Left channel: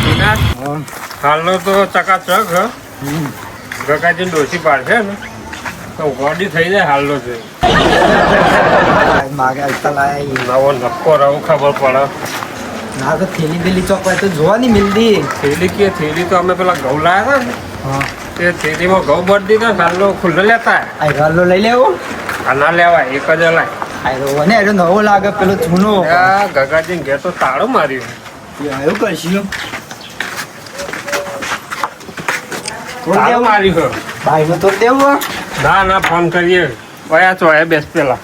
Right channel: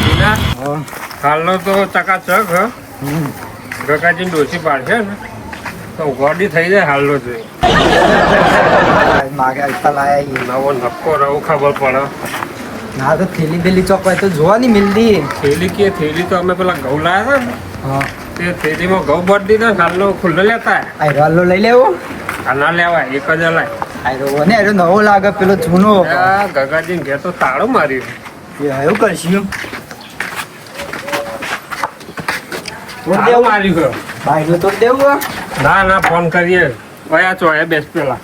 ટીના હાલનો તો ચકાચક ગગાજી ડોસી પાડશે ને તો ગોડી થઈ જાય હાલનો જોઈ નવો નક્કો રહું ખબર પડે. ના તો થેલી બેલી ચોકવાય તો જોવા નહીં મિલતી. થેલી તો અમે પેલા ઘઉં લાવ્યા ને હા તે થેલીમાં ઘઉં ભરી દીધા હાલનો ખુલ્લો લેતા હાલો લઈ લેવો. આ ના લેવાય એક જ લાય. આયરો નવો લાગે પેલો જૂનો. ગગાજી ઘેર તો તાળું માર્યું. એવું કરશું માર્યું ભાઈને તો દેવું. ના ફોન કરીએ કયા છો એ બેસ પેલા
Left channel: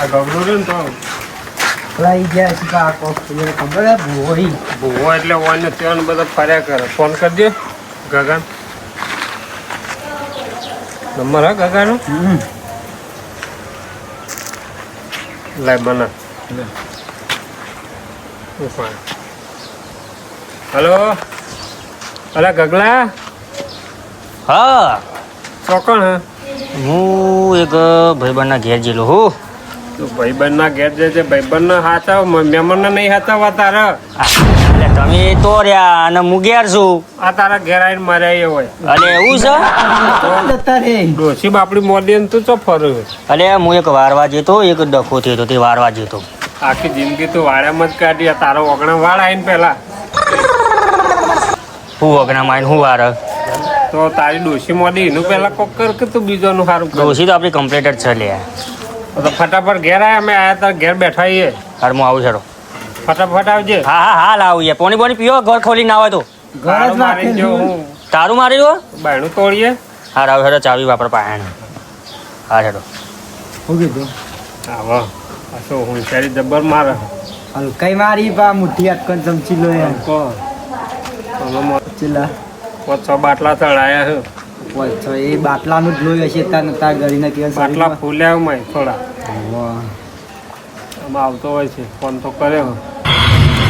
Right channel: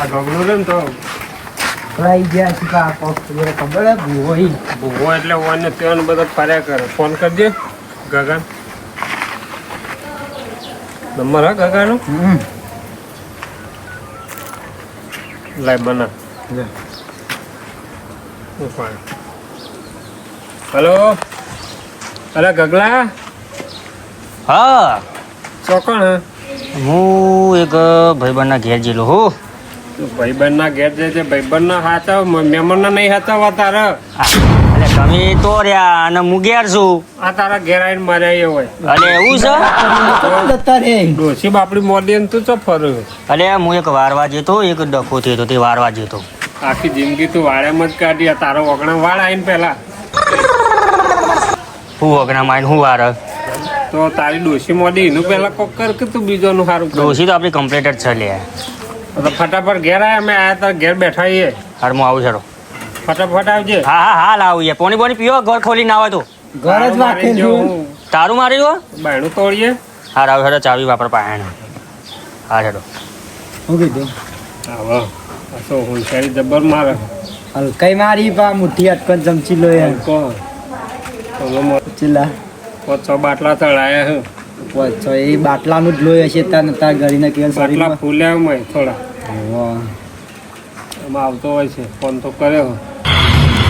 આ ગગડું રે ને તો લઈ ગયા છે ખબર હે ભૂવો એટલે ઓને ત્યાં બધા ફર્યા કરે. ફોન કરી દે ગગન નંબર હા ગગાનો લાય બના હલો અલા ગગલા હા ચોકણ હે હું એક ભાઈબંધના ઘેર જેલો હું. ભાઈબંધના ઘેર જે છે ભાઈબંધના હાથા મહેમાનના નહીં હાથા તારા. એટલે તમે તો રહ્યા અને હું ઘેર છું. આ તારા ઘેર આવીને માર્યા હોય અને એવું છે ડોસી બાપડી મોદી ને તું તો ફરું. એટલે હું એક વારવા જતો એક ડખો થયો તે વારવા જતો. આખી જિંદગી તું વાળામાં જ કાઢી. તારો ઓગણા વાળ આવીને પેલા હું વગના માઈને હું વાર તો તારી ડોસી મોદી એનું પેલા કોક કર કે તું બીજોનું સારું કર. ડોસી તો આપણી કમ્પ્લીટ જ છે લે. તો ફટાફટ ઘેર આયા અમે આયા તાર ઘેર બેઠા છીએ. હાર હું આવું છોડો. ફટાફટ આવજે. હા લાવું યાર. પોણી પીવો ઘર ખોલી ના આવે તો ઘર જ રાખેલું. તારું મારી દો બાયણું તોડીએ. હાર આવું છોડો ચાવી વાપર પાયા. હા છોડો શું કીધું હા પાછો હોશિયારી જબ્બર મારે. હલકાઈ મારી પા મુઠ્ઠી અટકન ચમચી લો એમ કોણ ચીલા 500 બાટલા ચડાયા છે. તો એ બાટલાનું જ લોહી હશે તાર ગરીને કેવા બાટલા ફૂલ્યા મેં થોડા વાહ એમાં આવતો હોય છે. ફોન તો કર્યો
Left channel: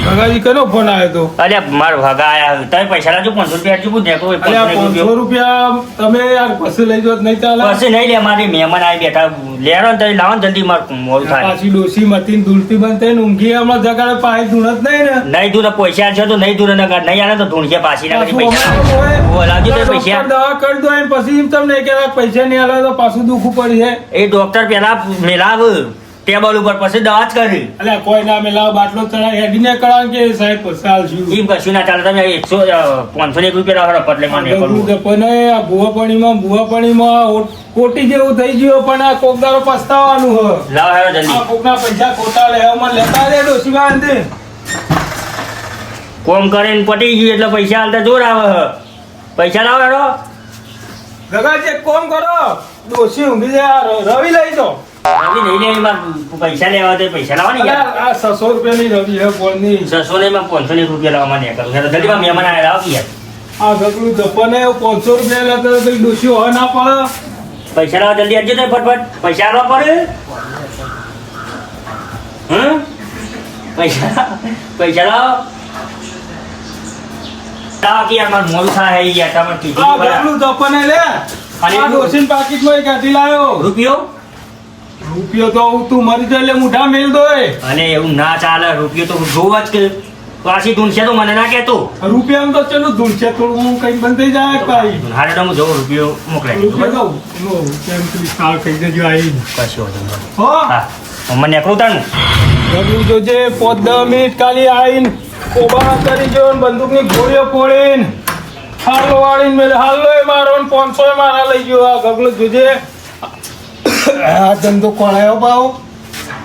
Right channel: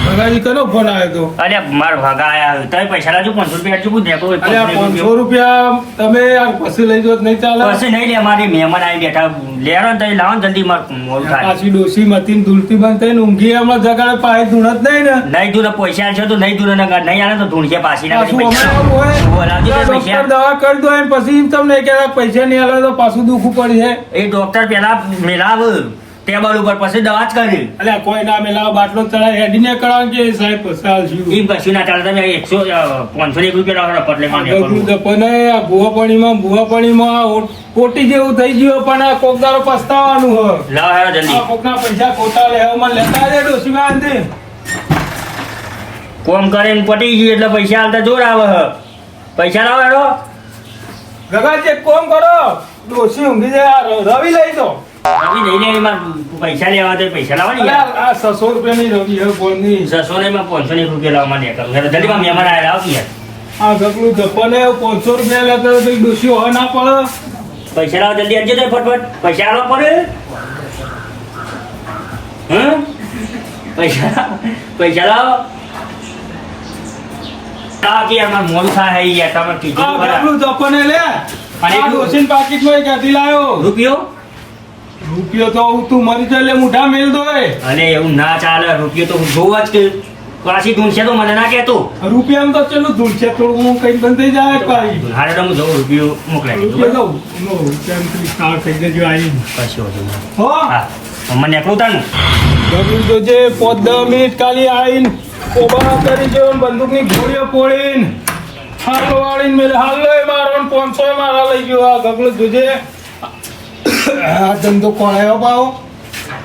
ગગાજી કેનો ફોન આવ્યો તો? અરે માર ભગા આયા તમે પૈસા લાજો 500 રૂપિયા આટલું દેખો. અલ્યા 500 રૂપિયા તમે યાર પછી લઈ જો નહીં ચાલે. પછી નહીં લે મારી મહેમાન આવી બેઠા લેરો ને તમે લાવો ને જલ્દી માર મોડું થાય. પાછી ડોસી મતીન દુલતી બંધ થઈને ઊંઘી હમણાં જગાડે પાસે ધૂણત નહીં ને. નહીં દૂર પૈસા છે તો નહીં દૂર નહીં આવે તો ઢૂંઢ છે પાછી પાછું અમારે એવું હોય ડોક્ટર દવા કરી દો એમ પછી એમ તમને કહેવાય પૈસા નહીં આલે તો પાછું દુખવું પડશે. એ ડોક્ટર પેલા મેલાવ ટેબલ ઉપર પછી દવા જ કરી. અલ્યા કોઈ ના મેલા બાટલો ચડાય હેડીને કરાવ કે સાહેબ પછી આલશું. એમ કશું ના ચાલે. તમે 501 રૂપિયા રાખો પટલે માં પણ આ ભૂવા પાણીમાં કોટી જેવું થઈ ગયું પણ આ કોકદારો પસ્તાવાનું હ. લાવ હેરો જલ્દી. આ કોકના પૈસા ખોટા લેવામાં લેતા દે ડોસી વાંધે. કોમ કરીને પટી ગયું એટલે પૈસા આલતા જોર આવે હ. પૈસા લાવો હેરો. ગગાજી એક કામ કરો ડોસી ઊંઘી જાય રવિ લઈ દો. પૈસા લેવા તો પૈસા લાવવા ને યાર. આ 600 રૂપિયાની રવિ હે બોલની. 600 ને 501 રૂપિયા લાવવા માંડ્યા કરું. જલ્દી માં મહેમાન આવેલા આવ યાર. આ ગગલું ધપ્પાને 500 રૂપિયા લેતા તો ડોસી હવે ના પડે. પૈસા લાવો જલ્દી આવજો તો ફટફટ. પૈસા આવવા પડે. પૈસા લાવો. કે યાર મારું મોડું થાય યાર. તમે કીધું આ ખરા. ગગલું ધપ્પાને લે. અને આ ડોસીન પાકીટમાં એક કાઢી લાયો. રૂપિયો તો તું મરી જાય એટલે મુઠા મેલ દો. અને એવું ના ચાલે. રૂપિયો તો જોવા જ કે પાછી ધૂનશે તો મને ના કહેતો. રૂપિયા તો ચલો ધૂળશે થોડું હું કઈ બંધ થઈ જાય ભાઈ. હારે તો હું જવું રૂપિયો મોકલાઈ રૂપિયા દઉં રૂપિયા સાવ થઈ જજો આવી. કશો વાંધો નહીં. હો હા મને નીકળું તાનું. ગગલું જોજે 5-10 મિનિટ ખાલી આવીને કોબા કરી જો બંદૂકની ગોળીઓ ફોડીને હાલો વાળીને મેલે હાલો મારો 500 મારા લઈ ગયો. આ ગગલું જોજે આ ધંધો કોણાયો પાવ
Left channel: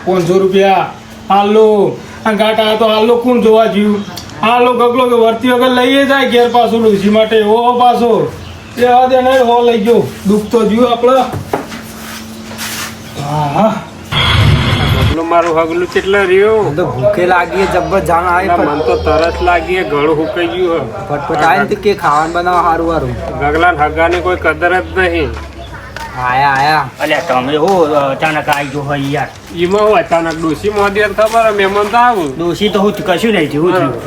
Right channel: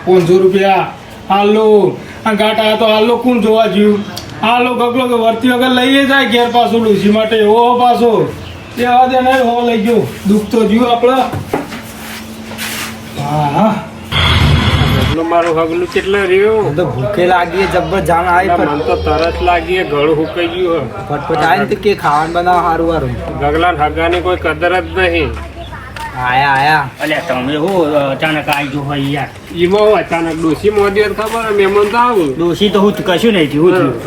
500 રૂપિયા હાલો. આ ગાંઠ આવ્યા તો હાલો કોણ જોવા જ્યું. હાલો ગગલો કે વર્તી વગર લઈએ જાય ઘેર પાછું ડોસી માટે એવો પાછો એવા દે નહીં હો લઈ ગયો. દુઃખ તો જ્યું આપણે. હા મારું હગલું કેટલે રહ્યું. તો ભૂખે લાગી જબ્બર જાણ આવી મને તો તરસ લાગી ઘણું હુકાઈ ગયું. ફટફટ આવીને તો કે ખાવાનું બનાવ સારું સારું. ગગલા હગાની કોઈ કદર જ નહીં. આયા અલ્યા તમે હો અચાનક આવી ગયો હોય યાર. એમાં હું અચાનક ડોસી મોદી ખબર મહેમાન તો આવું ડોસી તો હું કશું નહીં થયું. હું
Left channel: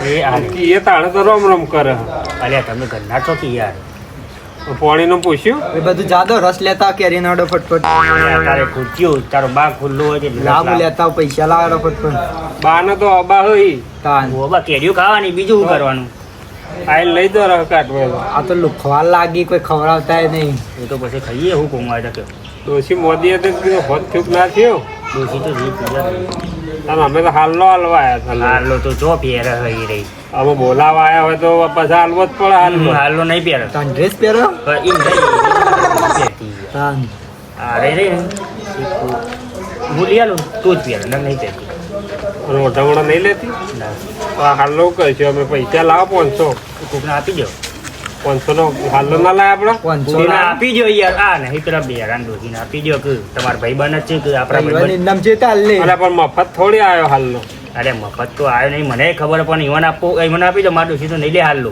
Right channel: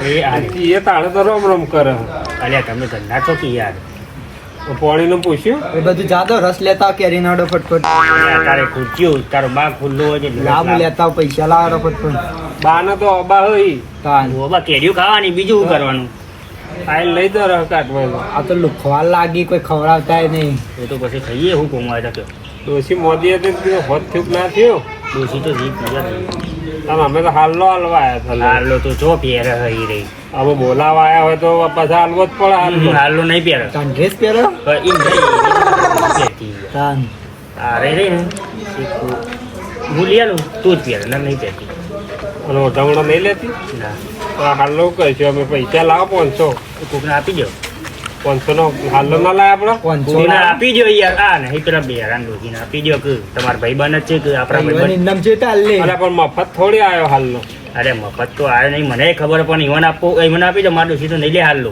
થયું એ તાણે તો રમ રમ કરે. અલ્યા તમે ઘરના છો કે યાર. પાણીનું પૂછ્યું એ બધું જાદો રસ લેતા આવો કેરીનો અડો ફટફટ તારે ખુરચ્યું તારો બાગ ખુલ્લો હોય છે લાભ લેતા આવો, પૈસા લાવો ફટફટ બાને તો અબા હોય તાન બાબા કેરીઓ ખાવાની બીજું શું કરવાનું આઈ લઈ દો રહ કાઢવા આ તો લુખવા લાગી કોઈ ખવડાવતા નહીં. એ તો પછી ખાઈએ હું કોમાય તો ડોશી મોદી હતી તો હોત થયું કે ના થયું ડોસી તો જી પીવા આમ અમે તો હાલનો હાલવા આવ્યા હતા હારલો તો જો પહેર હઈ રહી અમે બોલાવા આવ્યા હોય તો પાછા હાલવો જ પડે હાલનો. હારલો નહીં પહેર તાન ડ્રેસ પહેરો તાન અરે રે હું લઈ આલું તું જ પહેર નહીં પહેરતી અને ઓઢામણો નહીં લેતી ના તો આ હાલનો કહીશું અમે પૈસા લાવો 500 કોકને આપી દો 500 નો હાલનો ના લાય આપડે કોકને આપી દો યાર આ નહીં પેલા બેરાન ડોસીને આપી દો કે તમારા ભાઈબંધ જ છે કે આપણા ભાઈબંધ નામ છે તાલ લે અલા પણ મફત થોડી આવ્યો હાલનો અરે મફત તો આવ્યો નહીં મને ખબર પણ ઈવન આપો ઈવન આપી દો મારા ડોસી તો નહીં લે હાલ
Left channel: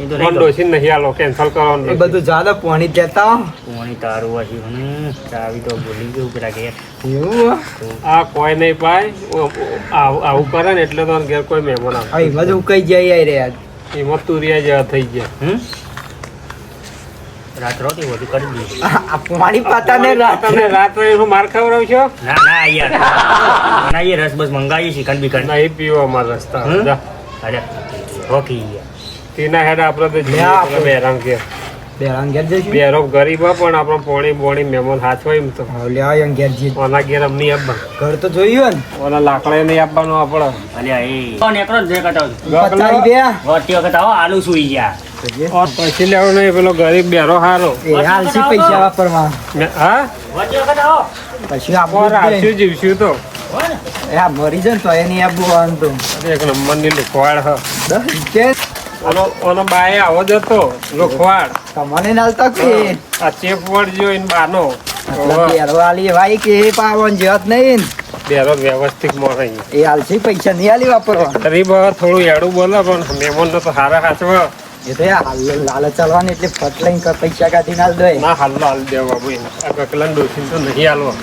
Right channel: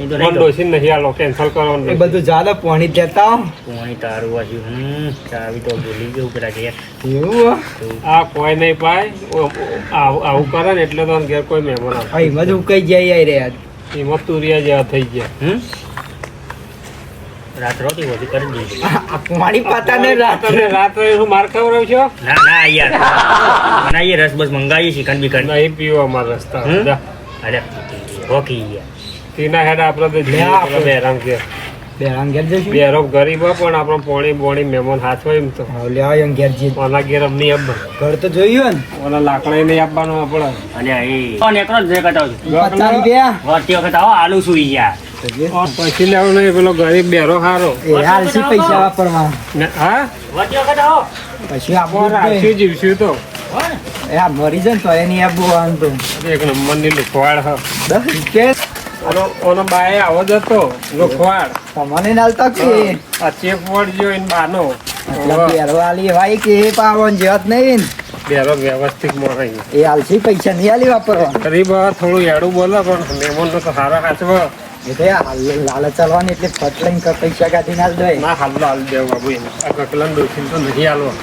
એ તો નહીં ડોશી નહીં હાલો કેન્સલ કરવાનું એ બધું જાદો પાણી જ લેતા આવો. પોણી તારું હજી ચાવી તો ભૂલી ગયું પેલા ઘેર એવું આ કોઈ નહીં પાય આવું કરે ને એટલે તો ઘેર કોઈ મહેમાન આવે આ એમાં જ ઉકાઈ જાય યાર યાર. એમાં તુરિયા જેવા થઈ ગયા રાત રોટી વધુ કરી દીધું આ પાણી પાતા ને રાત તમે રાત્રે હું માર ખવડાવ છો ના ના યાર બનાવીએ રસ બસ મંગાવીએ ચિકન બિકન નહીં પીવો અમારા રસ્તા હમ? જા. અરે હોકી યાર તેના હેડ આપડે તો લે આપણે. બેરાન કે બેરાન ઘેર જઈશું. બેરો ગરીબ હો, પણ આપણો પોણી બોણી મહેમાન હાથમાં એમ તો હા, લે આવો એમ ઘેર જઈએ. ઓના ઘેર અમને આપવા ઘર તો જોયું ને ઓના લાકડા નહીં આપવાનું આપણે અલ્યા એ નેકરો જ ભેગા થાવ છું 50 રૂપિયા વળતી વખત આવો આલુ સુઈ ગયા પછી લેવું નહીં પેલો ગરીબ બેરો હારો એ હાલસી પૈસા વાપરવા હા વળતી વખત આવો પછી આપો રાખ્યું જીવશું તો એ આ મરી જાય ને તો એની આપવું તો એક નંબરની લુખવાડ હ 10 રૂપિયા ઓનો બાએ આવો જ હતો લુખવાડ તમને નાલતા કે આ ચેપ વડ જો એને બાનો આટલા બેરો આલી ભાઈ કે એ પાવન જેવા જ નહીં ને. બેરો વ્યવસ્થિત મળે એ હાલસી પૈસા નહીં આલી વાપરવા ગરીબ હવે થોડું એડું બોલે પણ મહેમાન તો સારા હાચવા એ તો યાર લાલચ ચાલવાની એટલે ફટ લઈને પૈસા કાઢી નાલ દે ના હાલ હાલ દેવા બાબુ એને આ કકલાન ડોસીને તો નહીં હાલવા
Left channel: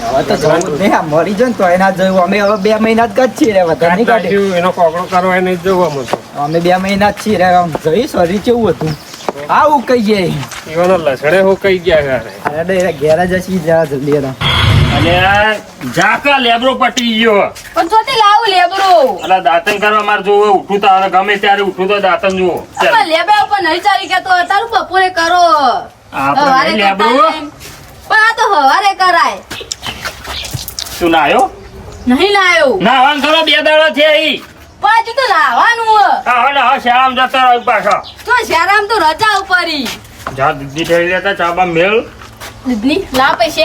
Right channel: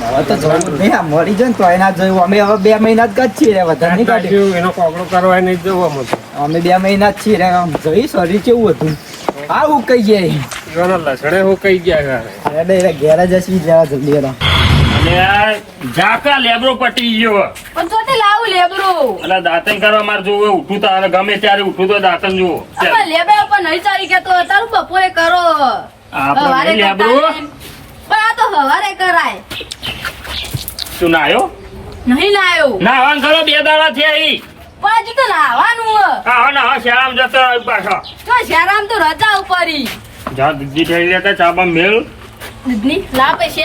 હવે તો જવું જ નહીં આ મરી જાય ને તો એના જવું અમે હવે 2 મહિના જ ગત છીએ રે વધારે નહીં કાઢે કાઢ્યું, એનો કોકડો કરવા નહીં જવું અમે તો અમે 2 મહિના જ છીએ રે આમ જઈ શરીર કેવું હતું આવું કઈ જાય એવાના લસણે હું કઈ ગયા ઘરે અરે ડે ઘેર જ હસી જવા જલ્દી એના અને ઝાકા લેબરો પટી ગયો પણ ચોથી લાવું લેબરો અલા દાંતન કરવા માર જોવે ઉઠું તો અને ગમે ત્યારે ઉઠું તો દાંતન જુઓ પણ લેબે ઉપર નહીં ચાલી કે તો તારું બપોરે કરો હવારે આપણે કરતા લેબરો નહીં. પણ આ તો હવારે કરાય તું નાયો નહીં લાયો નાવાન કરો 2 દાડા થયા ઈ પણ હજુ તો લાવવાનું હા ના શામ જતો રહ્યો પાછો તો શેરામ તો રજા ઉપરી જા દીદી થઈ લેતા ચાબા મેલ દૂધની ના પૈસે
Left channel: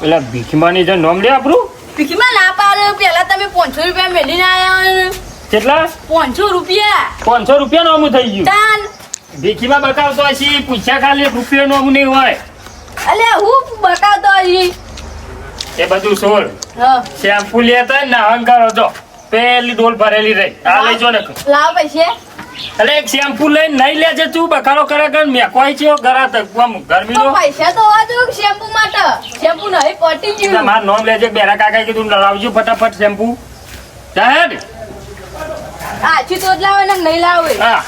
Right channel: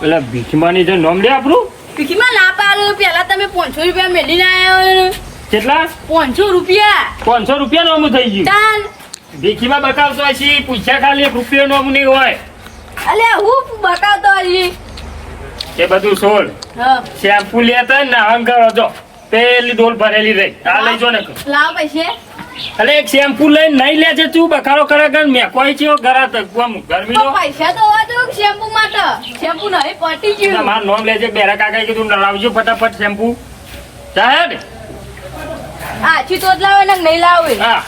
પેલા ભીખમાની જે નામ લે આપણું પીકીમાં ના પાડે પેલા તમે 500 રૂપિયા મેલીને આવ્યા કેટલા 500 રૂપિયા 500 રૂપિયા નોમું થઈ ગયું તાન ભીખીમાં બતાવતો હશી પૂછ્યા ખાલી 1 રૂપિયા નોમું નહીં હોય અલે હું બકાવતો હજી એ બધું છોડ હા શેમ્પુ લેતા ને નાહન કરો જો પેલી ડોલ ભરેલી રહી આ લઈ જો ને લાવ પૈસે અરે એક શેમ્પુ લઈને નહીં લે છે તું બખારો કરે કર મેં કોઈ છે ગરા તક ગરમી નો પૈસા તો હોવા તો શેમ્પુ માટે શેમ્પુ નહીં પટી ગયું મારું નામ લેજે બેરા કાકા કીધું લાવજો ફટાફટ શેમ્પુ જાહેર આછી તો જ લાવે ને નહીં લાવે હા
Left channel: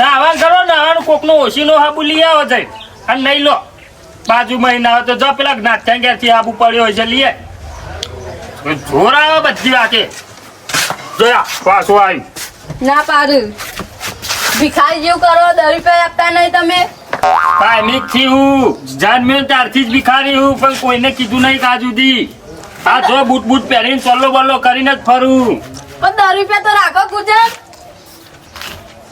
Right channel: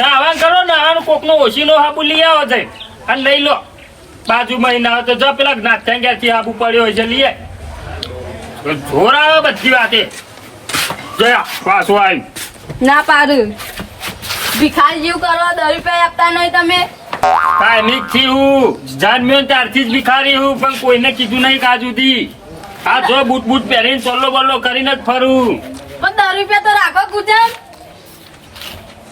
નાહવાન કરો નાહણ કોકનો ઓશીનો હાબુ લઈ આવો જઈ અને નહીં લો બાજુમાં ના આવે તો જો પેલા નાથ્યા ક્યાંથી આબુ પડ્યો હોય છે લઈએ જોર આવે બધી વાતે જોયા પાછું આવ્યું ના પાડું ભિખારી જેવું કરો 10 રૂપિયા આપતા નહીં તમે કાયમિક થી હું જાનમ્યો ત્યારથી જ ભિખારી હું પણ કોઈને કીધું નહીં કાં સુધી આ જો બૂટ બૂટ પહેરીને ચલ્લો બલ્લો કરીને જ ફરું પણ 10 રૂપિયા તો રાખો ગુજરાત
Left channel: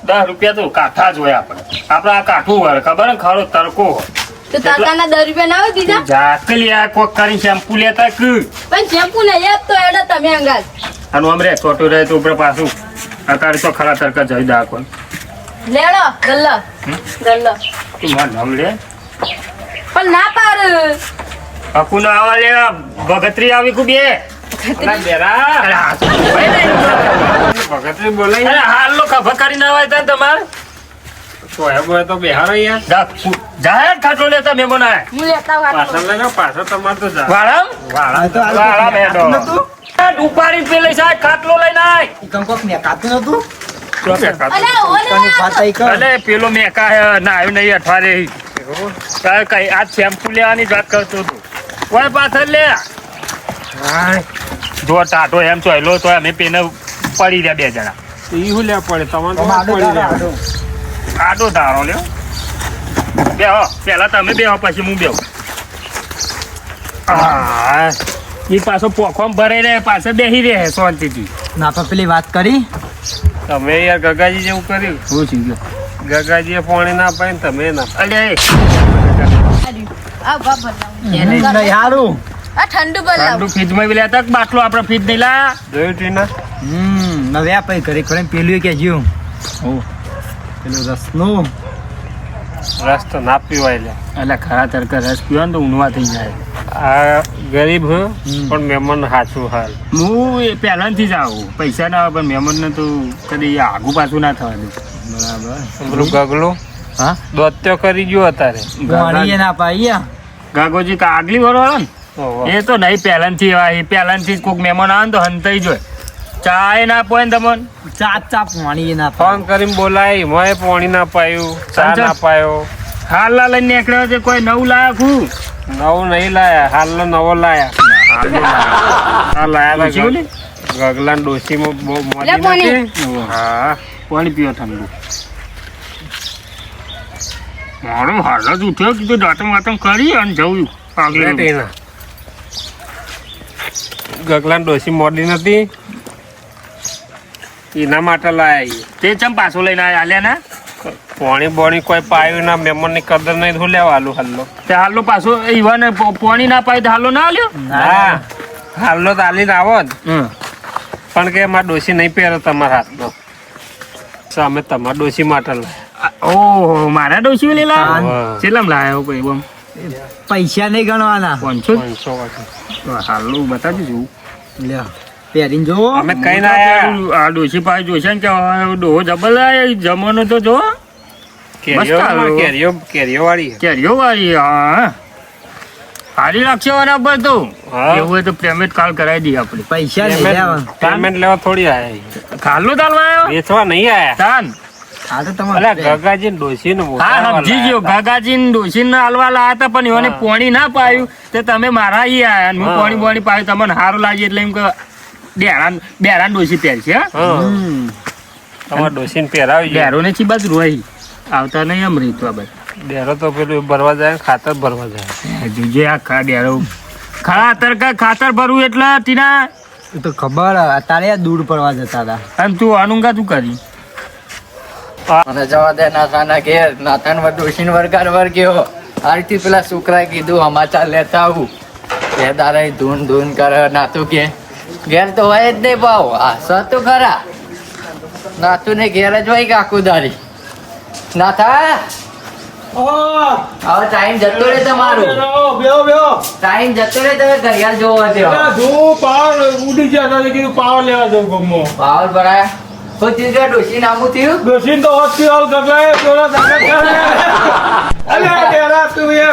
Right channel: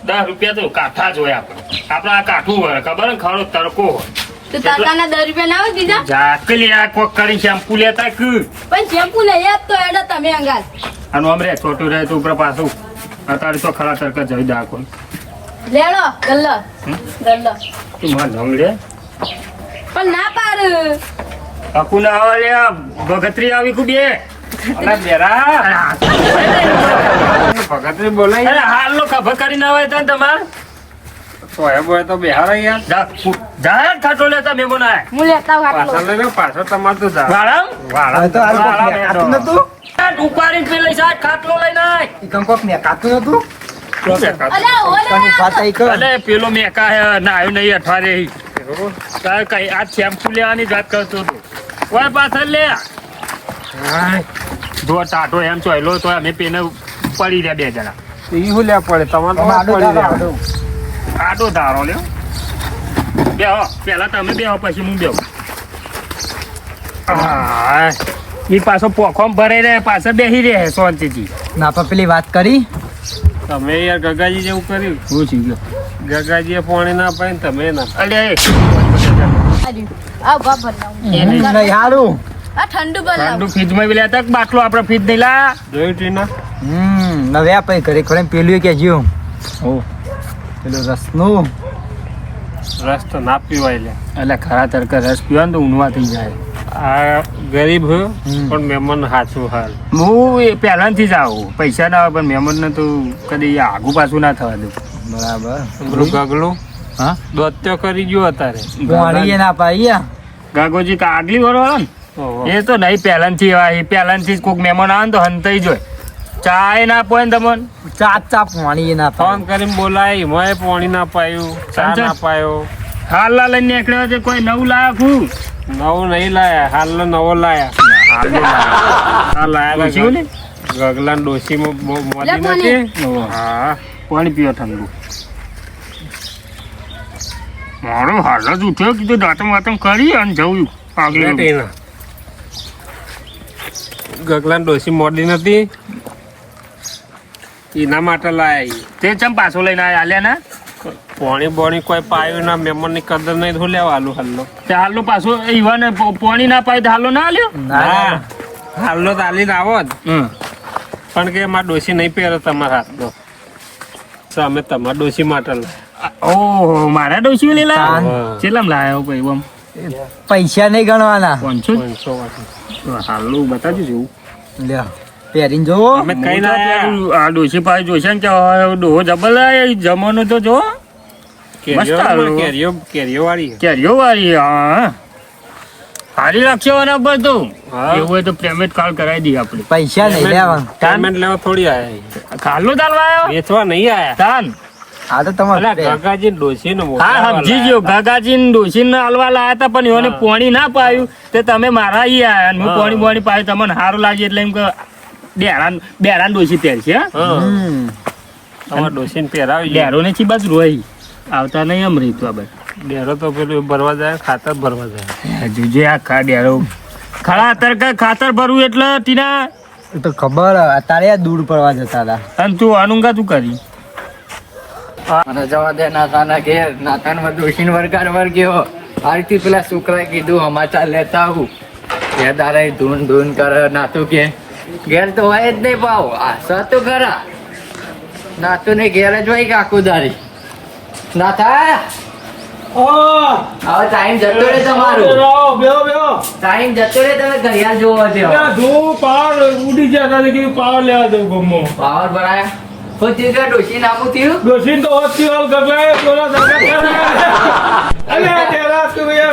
10 રૂપિયા તો કાઠા જ હોય આપણે આ કાઠું હોય ખબર ને ખરો તરકો હોય તો તરકાના 10 રૂપિયા ના હોય દીધા જાકલી આ કોક કરી શેમ્પુ લેતા કે પણ શેમ્પુ નહીં આપતો એડા તમે અંગાત આનું આમ રે છોટું રહે તો ઉપર પાછું અત્યારે તો ખરા તરકા જઈ દા કોઈ લેડો ગલ્લા ગલ્લા તું માર નામ લે પણ ના પાડ અકુ ના આવા લે ભગતરી આવી કુ બે અલા બેરા ભગતરી બોલાય અરે હાલ નો ખભા કરીને આવે તને તમારે સોયા બોય તો બેહાર યાર જાહેર ખાટો લેતા મેમોન આય હું લેતા આવું પાછા લઈને પાછા તમારે તો જા વાળમ વાળા તો આ વાળા કાતું નતું ઉપાડી પેલે સાહેબ ખાટલો લઈને આય ઈ કંઈ કોક ને કાતું નતું અલા ઓ કનું ફાટાઈ કર અલે પેલો મેકા હે ના આવ્યો નહીં અઠવાડિયે કઈ આ શેમ્પુ લેવાની વાત કરતો હતો ઓય પાછળ લે જો ટાટો એમ ચોયલો તો અમે પેને પડી રહ્યા બે જણા ઈ હું લે પડે તમારે તો આડો પડી જાય. આડો આટો ધારો લ્યો બેહો પેલા તમે બેહો પછી હું બેહું એ પાછો પોખોમ ભરાઈ રહે પાછળ બેસી રહે શાંતિથી ના પણ પેલી વાત કરી તમે યાર ગગાજી જેવું કર્યું શું થઈ ગયો ગગાજીએ પાણી ના પાય ને તમે ના અલે આ બાબર નહીં હારું આ ઠંડુ બનાવ ઠંડુ ફ્રીજમાં બી લેતા બાટલો આપણે ફ્રીજ નહીં લાયા જોયું ટીના નવે આ પછી ઘરે ખોલે પેલું કે જીવ પેલું રસનું રસ તો ના પીવાય લે એટલે ખરા તરકા રસ પીવા ને તો ઊંઘવા થઈ જાય આ ગરીબ હું પણ મહેમાન હાચું હાલ હું એ પહેલાંથી જ આવું પૈસા ના આવે પણ મહેમાનને તો કદી આગુ પાછું ના થવા દઉં બરાબર પેલું ગગલું હા દોત્યો કરી ગયો અત્યારે પાણી ના પાઈ ગાગોજી આગલી વાળો ને ઓહો. એ તો નહીં પહેલાંથી એવા એ પહેલાંથી જ કોઈક મહેમાન આવે ને તો હંતાઈ જોય ચાય ના પોય ને તમને ચાપ ચાપ પાણી ના ફોન પાય કરીને બોલાય મોય પાણી ના પાયું ચા સંજય. ના પાયો હાલના લઈને નીકળ્યો છે કોઈ નવું લાયા છું નવું નહીં લાયા હાલનો નવો લાયા આ લાયા ડોશી ને? ગગલા ડોશીમાં બહુ મોદી લે પાણી. નથી હા પાણી પીવો ઠંડુ મારો હાલ જ ઉઠ્યો કીધું દાંતમ વાતમ કરી અને જવું આગળ ગગલા ડોશી મોડી નથી એના માટે લાયા તે ચમ પાછો લઈને આલ્યા ના પોણી બોણી કોઈ પાયું ના મહેમાન ની કદર નહીં શું લેવા હાલું હાલો તે હાલો પાછો ઈવાને પાણી ના પાય તો હાલો ના આલ્યો હા હાલો તો હાલીને આવો જ હમ પણ કે મારા ડોશી નહીં પહેરો તમારા હાથનો તો અમે તમારા ડોશી માટે લાયા. ઓહો મારા ડોશી લીલા હા. કેટલામ લાયા ભાઈ બમ પૈસા નહીં ગણવાના 500 500 વાગે. હાલો બતાવજો જોવું લ્યો પહેરીને જો અમે કઈ ના આયા. આ ડોશી પાસે જોશે ને કે ડોહો જબલ જમવાનું તો જો મસ્ત હાલો. કેરીઓ વાળી કેરીઓ વાળી હા હારી રાખશે વાના બધું હા. એવું હોય તો પેમેન્ટ કાલ કરાવી દઈએ આપણે પૈસા નહીં લેવા પેમેન્ટ લેવા થોડી આયા ખાલો ચાલવા આવ્યો વેચવા નહીં આયા તાન આ તો અલા તમારે ગગાજી ડોશી નું હા સમજી ગયો ગાગાજી ને ડોશી ને હાલવા લાયા હતા પણ એને પોણી ના પાયું તે તમે મારા ઈ આયા અને હું હા. પોણી બોણી પાયું તમને સારું લાગ્યું એટલે એમ કે બેરાન ડોશી પહેરશે હા તમારા ડોશી ને પહેરાવી ડેરો ને ચી બાજુ રોઈ આવતા નહીં એમ રીતું આ બાજુ ડેરો તો પેલું ભરવા જાય ખાતર ભરવા જાય હજુ જે આ ખા ડેરો ખાતર ભરવું એટલે ટીના એ તો ખબર અત્યારે આ દૂર પડવા જતા હતા અને તું અનુંગા તું કરી મને જવા દે નાથાના ઘેર નાથાનમાં ડોશીને વરગાર વર્ગ્યો આરતી પેલા છોકરાએ કીધું સમાચાર લેતા આવું કે તારે ધૂન ધૂન કરે નાતું કે ઘેર તો હોય જ નહીં પાવ આ સતું ખરા નાતું ને ઘેર જ હોય કાકુ દારી નાથા હવે ટાઈમ જતો રે તમારું ટાઈમ જતો રે તમે ઘડિયાળ જોવા દેવા ઉડી ગયા કીધું પાવર લેવા જવું ગમો પાવર ભરાયા શું થયું કે ડોશી નામું થયું ડોશીન તો હોતી હાલ ગગલા પેલા અલ્યા તેરા તું એ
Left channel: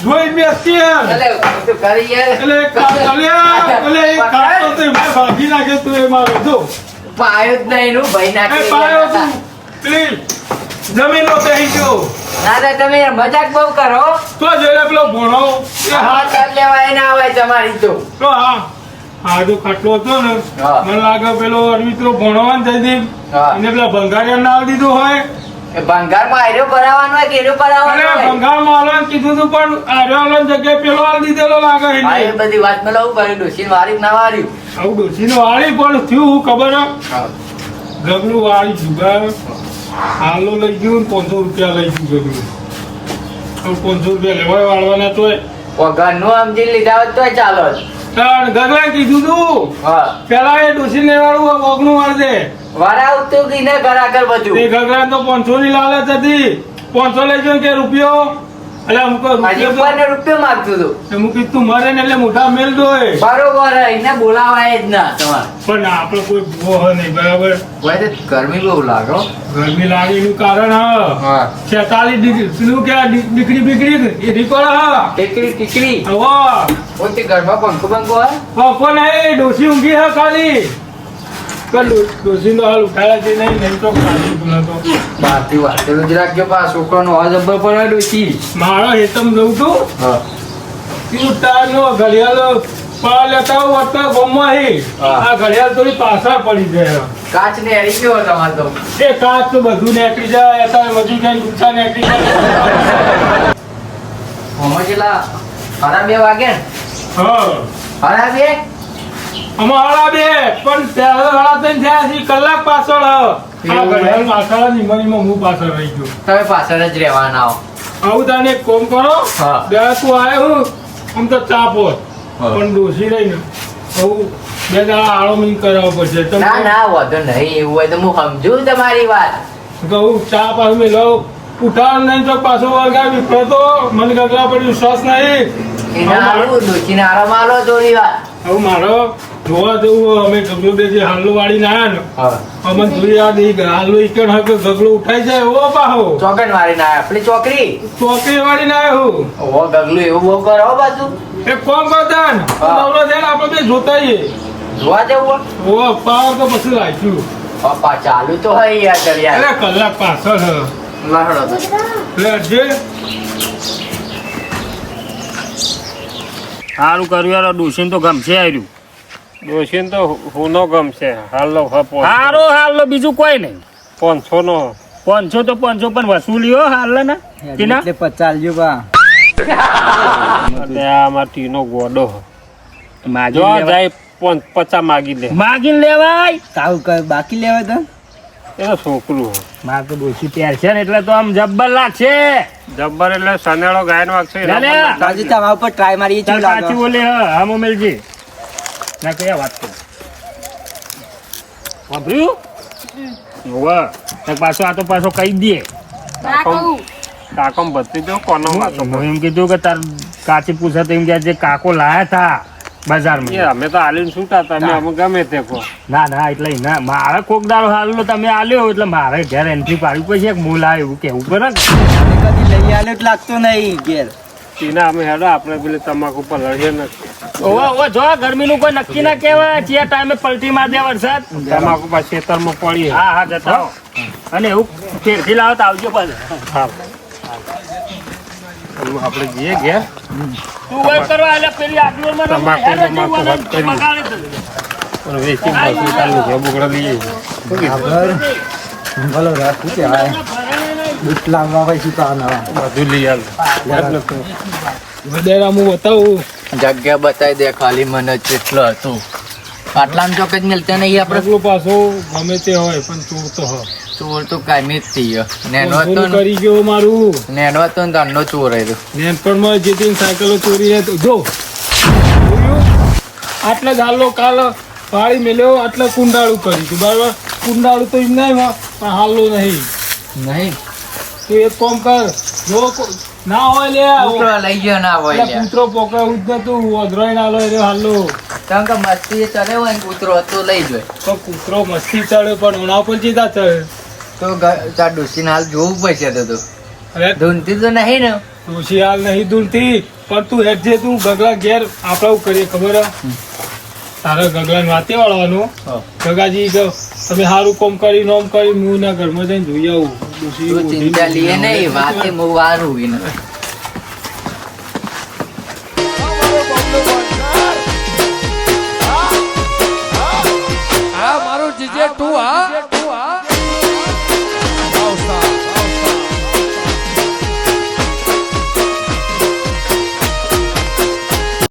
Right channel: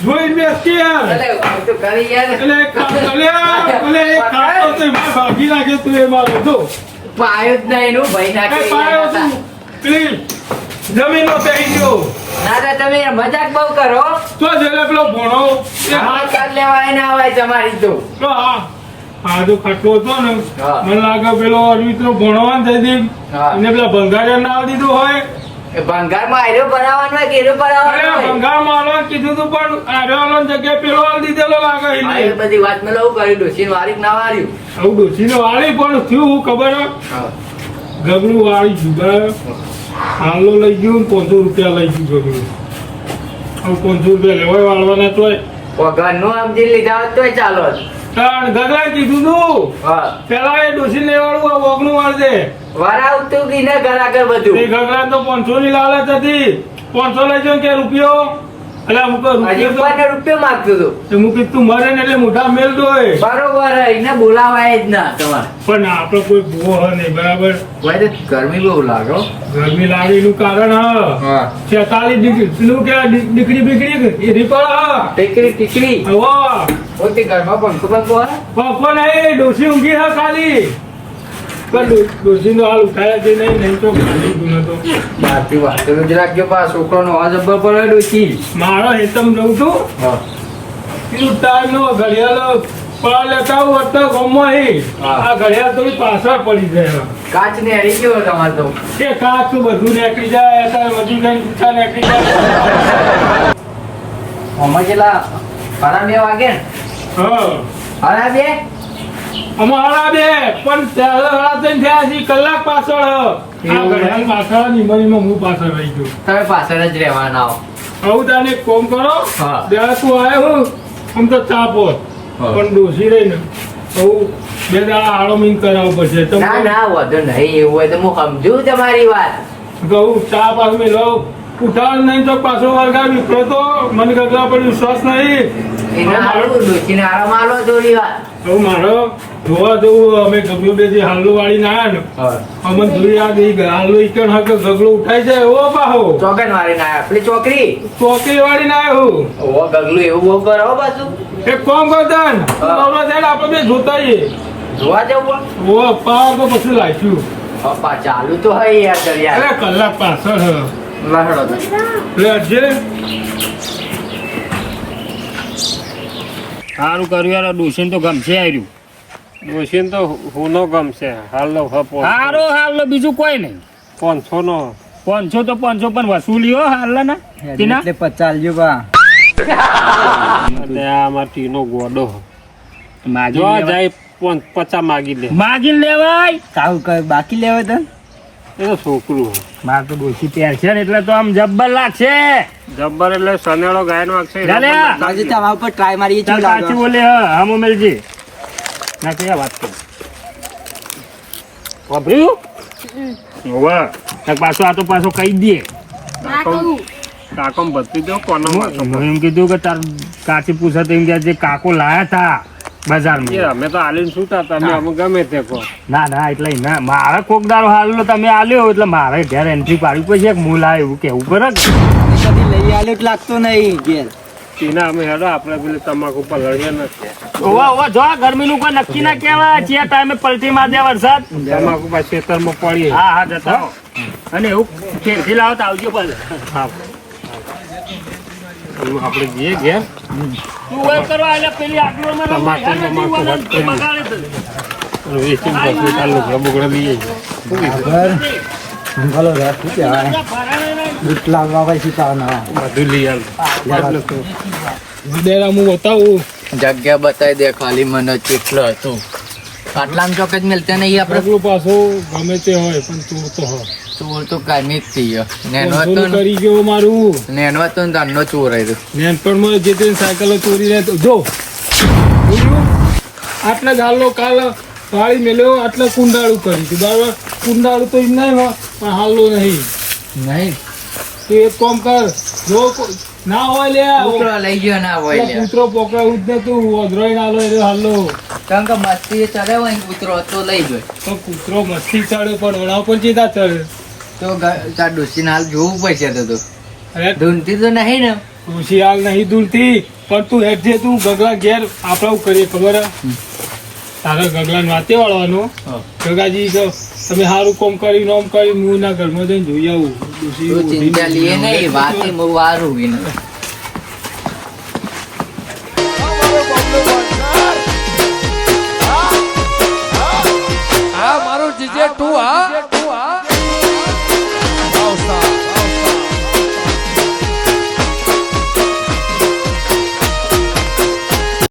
જોઈ મેસ્તી એટલે તું કરી યાર એટલે એક કામ અલ્યા એક કામ તો ભાગી નાખે તું એ મારો જો પાયું જ નહીં નું ભાઈ એ નાખે પાયો તું પ્લીઝ જમીન નો બેહી ગયો ના ના તમે મજાક બહુ કરો તો જેને પેલો ભણો એ હા સમાચાર લેવા એના આવે તમારી તો તો હા આડો ખાટલો હતો ને હા. મને લાગે પેલો અરવિંદનો ભણવાન થઈ ગઈ હા. એને પેલા ભંગારિયા નામ દીધું હોય એ ભંગારમાં આયરો ભરાવાનો હોય કે એરો ભરાવાનો અને હોય ભંગારમાં આલવાનું કીધું તું પણ આર્યવાલાની જગ્યાએ પેલો આલ દીધેલો લાગે છે આ એ બધી વાત મેં લઉં કર્યું ડોશી વારી ના વાર્યું આવું ડોશીને વાળી પણ થયું હું ખબર હે? ગગલું વાળી જુગા હાલો લઈ ગયું ને 500 રૂપિયા લઈ ગયું ગગલું હવે 500 રૂપિયા લેવાય વાળવાના તોય ઘરનું સમજી લીધા હોત તોય ચાલો જ. પણ ગગલાએ કીધું તું હા પેલા એ ડોશીને વાળું વગનું મારજે વરાવતું કી ને ઘર આગળ બધું એ ગગલા તો 500 ની લાલચ હતી 500 લઈ જાઉં કે રૂપિયો એટલે હું કહું હજી રૂપિયો ઉપરને રૂપિયો માંગતું હતું તો હું કીધું તું મરે ને એટલે મોઢા મેલ દો એ. બરોબર એને બોલાવાય જ ના તમારે પણ આપણે કોઈ ભૂવો હોય નહીં બરાબર ભાઈ તો ગરમી બહુ લાગો ગરમી લાગે એનું કારણ હા 46 ડિગ્રી પેલું કે દીકરી બીકરી એ રીપડ ટીકડી ટીકડી હવે પોતે ઘરમાં પંખો પંખો હોય પંખો નહીં ડોસી ઊંઘી હે ખાલી ડોશીનો હાલ ઉઠાડે છે નહીં તો ખાલી ગુનો તો બહારથી વાતો જ રાખજો પા છોકરાનો અવાજ જબ્બર પડે ડોશી. મારો હેતમ લઉં છું હા નો ઘડિયાળ પડા લેતા હું અત્યારે ગોમમાં હે હા. આ ઘડિયાળ થોડી પાછળ પડી જાય કાચ ને હરી ગયો તમારે તો. એ કાચ તો બધું નીકળી જાય અત્યારે બધું જાય ગુચ્છા નીકળી જાય હમણાં જેટલા સાડા 2 વાગે ને? હા સાડા 2? અમારા બે પણ પહેલા થયા છે કલાક પાછળ આ ઘડિયાળ પાછળ નિમણીમાં હું પાછળ રહી ગયો તમે પાછળ જ રહેવાના હો. આવું તાને એક કોમ કરો હા. બે તું આવ્યો હું આમ તો ચા પોત હા. પણ ડોસી રહી ને બહુ બે દાડા આળમીન કરાવવો પડશે તો ના ના વધુ નહીં એવું હોય તો હું સમજુ તમારી વાત. કહું ચા પાછું મેલો ઉઠાડ નહીં તો પાછો વર્ગા વિફરો તો મને ગગલા પર વિશ્વાસ નહીં એને આવું ડોશીને આરામ આલો થોડી વાર. હવે મારો જોવા જવું અમે ગગલો બે જે હાલ્લો વાળી ના આવ્યા ને અમને જોઈ યાદ એ હાલ્લો ઈકણ હક ગગલો ઉઠાઈ જાય એવો પાહો ચોકડ મારી ના આપણી છોકરી ચોકડી વાળી ના આવ્યો ઓવો ગગલું એવું બહુ કરો બાજુ એક કામ કરતા ને નવરો થયા ને આપણે બે જોતા આવીએ. જોવા જવું ઓ પાર તો પછી લાગ્યું પપ્પા ચાલુ તો હોય યાર દરિયા. અરે કલાક પાછળ છે. લહડો તો. લેજે સારું કર્યું યાર ડોશીને તો ગમશે આવ્યું. ડોશીને તો હોનો ગમશે હાલો હપો હાલો બીજું કોઈ નહીં. 500 નો 500 તો 500 પણ વસૂલ્યો હાલ ને ટીના. એટલે 50 લ્યો બા અને આ અમાર ટીનો ગોડો માગી જો લેવાય. જાય 50 માગી લે માગીને લેવાય. કાવ બાકી લેવાય તો એ તો છોકરું મારે તો ડોશી તૈયાર છે ને એટલે તો આમ જબ્બર લાગશે. જબ્બર એટલે સનેડો ગાયનો છે લે લે. કાજી તમારા ઉપર ટ્રાય મારી ચાલ કાચી બોલે હા મોમેલજી ના કયા વાત કરી વાપર્યું વાહ પાછો આ તો પાછો કહી દે. કાકમ બધી દો કોનો વાંચો. હું એમ કીધું કે તાર કાચી પૂછા તો એમ કે જે કાકો લાયા હતા એ બજારમાં. અમે તો આલીને છૂટા તમે અમે ગમે તે કહો ના ના એટલે ના મારે કોક દાડો હાલો તમે આલ્યો એટલે મારે ઘેર એન્ટ્રી પાડવી પડશે કે હું લાવ્યો એવું કેવું પડે ને. કદી લઈ આલ્યો તો લાગતો નહીં ઘેર ટીના અમે હેડો આપણે પેલે તમાકુ પર લડીએ નથી ઓવા ઓવા જો ગરમીનું કોઈ નક્કી ના કહેવાય જે ટાઈમે પલટી માર દે વરસાદ. તમાકુ પર ખેતરમાં પડીએ હા હા જતા હો. અને એવું ફેરથી લાવો તો આવજો પાછા. આપણે જઈએ ઘેર તું વય કરવા એટલે પેલી આગલું મને તમાકુ હટ કરી બગાડી દઉં. પણ વેચીને પછી ચાલુ ઘર બગડા લઈએ ખબર ભલો રાત શું કહેવાય દૂધ લાવવા પછી પાવના બધું લઈ આલ વધેરા હું બતાવું જગ્યા બતાવી દે ખાલી મને કેટલો હતું. આટલામાં ચોક જ મિલતો નહીં આપણે. પગલું પાછો ગમે તે હોય પણ ચોર તો હોય ચોર તો કાયમી જ થઈ ગયો. નેનો હતો ચોરી ને કરી ગયો મારું નેનો હતો ને તારનો ચોર આવ્યો. નેનપણમાં જે તે સાયકલો ચોરી રહે તો જો જોયું? આટલા ગાલો કાલ વાળી મેલ્યો આટલા કુંડાળું કર્યું હતું બરાબર. કુંડાળું તો એમ નહીં હોય પણ હાલો નહીં નહીં તો એક કામ કર જો ના હોય લે કૂતરો લઈ ગયો ના હોય એટલે કૂતરો પકડાવું જ નતું અધરોઈ ના લો હાલો કારણ કે મસ્તી ચડે હોય ને કૂતરો તો લઈ ગયો. પણ કૂતરો મસ્તી ચડે પણ ઓના પર ચીતા ચડે તો તાર ડોસીને હાલ જોવું પડશે તો તું. અરે ધૂનતી તો નહીં ને. ડોશી હાલ નહીં દૂરથી પણ તું હેઠ જે તું ગગલા ઘેર આપણે આવું કરીએ ખબર હે? તારે ગગલાને વાતે વાળવાનું ગગાજી કહો તમે સારું કોમ કરી નોમ કરી હું ના ઘરમાં જઈને જોઈ આવું ડોશી તું ઓઢી ચિંતા ને લઈએ નહીં વાતે બહુ સારું એને.